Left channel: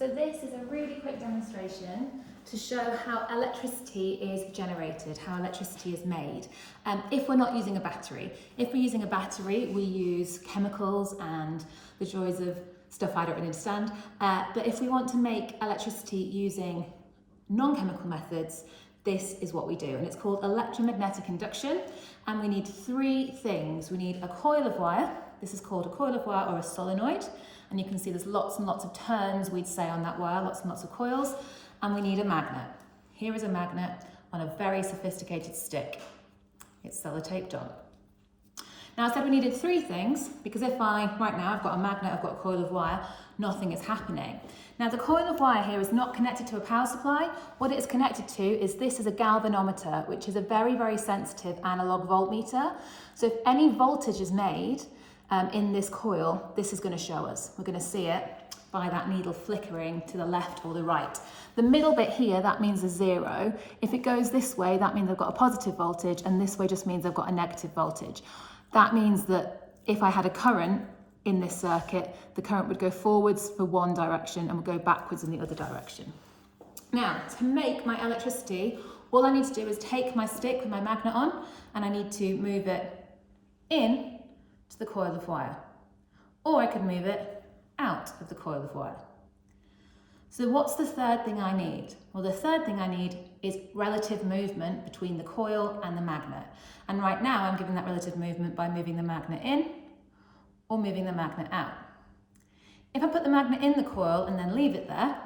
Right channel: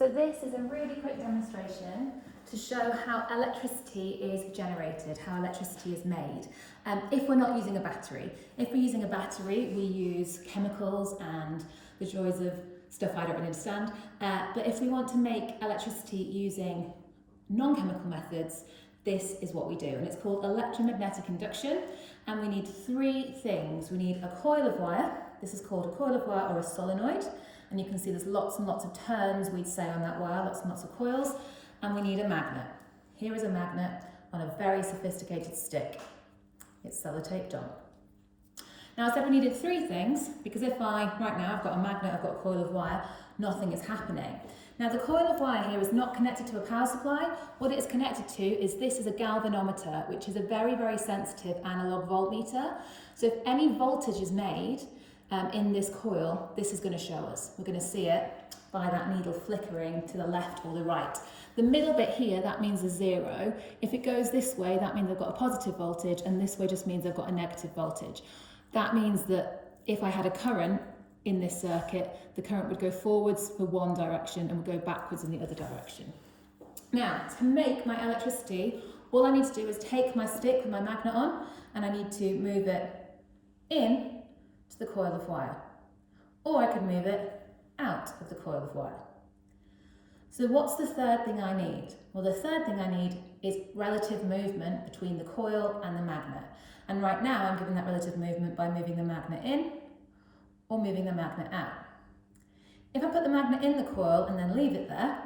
So this is a really quick demonstration to show how electricity is generated, how electricity is made, if we're not using a battery. If we're using a battery, we use chemicals and the joys of stuff I don't really understand. But if we want to make electricity using non-chemical methods, this is what we do, and it's called electromagnetic induction. And we need three things. We need a coil of wire. This is called a coil of wire or a solenoid. And you can see there's lots and lots of turns, we'd say, on that wire, lots and lots of coils. And we need a magnet. Here is a magnet on a very sophisticated stick. It's sellotaped on. Now I said we needed three things, because right now I've got a magnet, I've got a coil of wire, nothing is happening. Now the coil of wire here is not connected to a power supply. What it is connected to is this is a galvanometer, which is a very, very sensitive analog voltmeter. So if any voltage is made in this coil, this is going to show us. We're going to see it by that needle flickering to the left or the right. The middle bit here, that means a zero. If it goes this way, that means I've got a positive voltage, and this way just means I've got a negative voltage. That means that if I had a current in this circuit, the current would go forwards for one direction and would go backwards in the other direction. Now, to make my electricity, all I need to do is take my stick with my magnet on, and I need to move it in to the coil of wire. Or I could move it out of the coil of wire. So what's the third thing I need? Well, the third thing I need is relative movement between the coil and the magnet. And right now I'm giving that relative movement by moving the magnet in or moving the magnet out. If I put the magnet in the coil and then leave it there,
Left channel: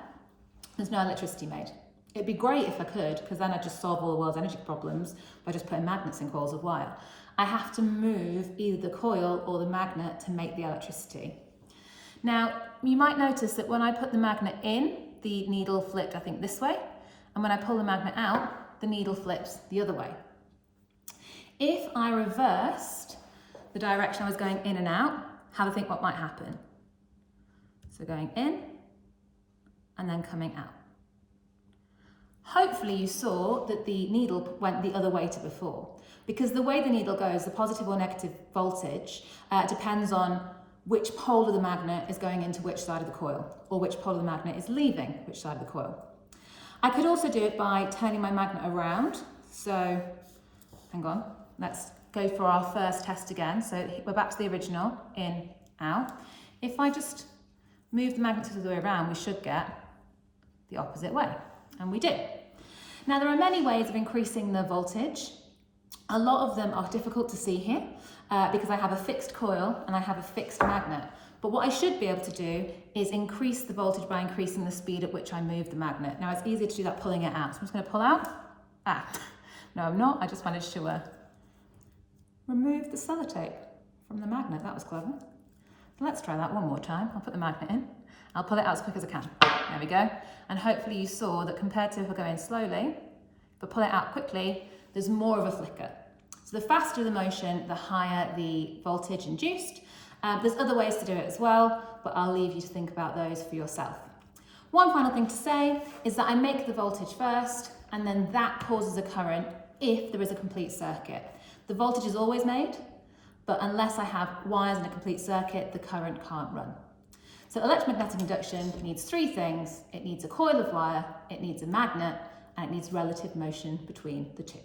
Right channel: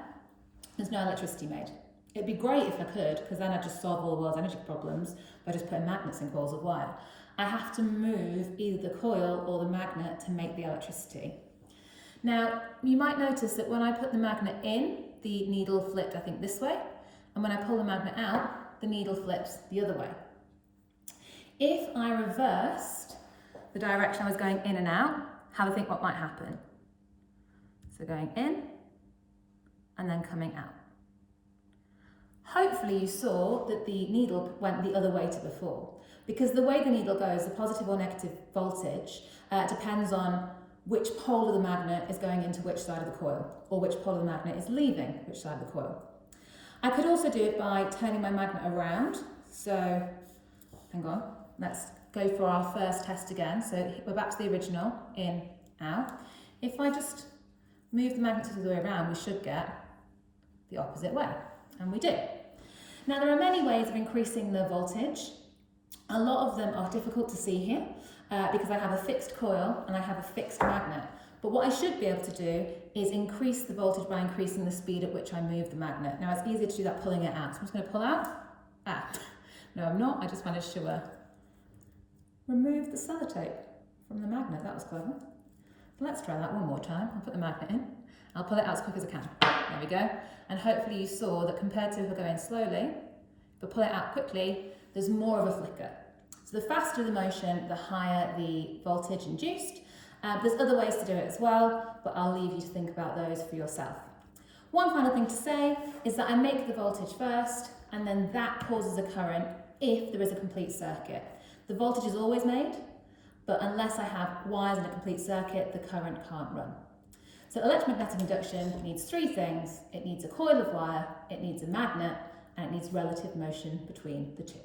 there's no electricity made. It'd be great if I could, because then I'd just solve all the world's energy problems by just putting magnets in coils of wire. I have to move either the coil or the magnet to make the electricity. Now, you might notice that when I put the magnet in, the needle flipped, I think, this way, and when I pull the magnet out, the needle flips the other way. If I reversed the direction I was going in and out, have a think what might happen. So going in and then coming out. Hopefully you saw that the needle went the other way to before, because the way the needle goes, the positive or negative voltage, depends on which pole of the magnet is going into which side of the coil, or which pole of the magnet is leaving which side of the coil. I could also do it by turning my magnet around. So, hang on, let's go for our first test again. So we're back to the original, in, out. If I just move the magnet the other way around, we should get the opposite way, and we do. Now there are many ways of increasing the voltage. A lot of them are difficult to see here because I have a fixed coil and I have a fixed magnet. But what I should be able to do is increase the voltage by increasing the speed at which I move the magnet. Now it's easier to do that pulling it out. So I'm just going to pull out. No, I'm not. I just managed to remove the sellotape from the magnet. That was clever. So let's try that one more time. I'll put the magnet in. I'll pull it out as quick as I can. There we go. And hopefully you saw that compared to if I go in slowly, if I pull it out quickly, there's more of a flicker. So the faster the motion, the higher the voltage induced. There's other ways to do it as well, but I'll leave you to think about those for yourself. One final thing to say is that I make the voltage first, and then that causes a current if there is a complete circuit. The voltage is always made, but unless I have wires in a complete circuit, the current can't run. So electromagnetic induction needs three things. It needs a coil of wire, it needs a magnet, and it needs relative motion between the two.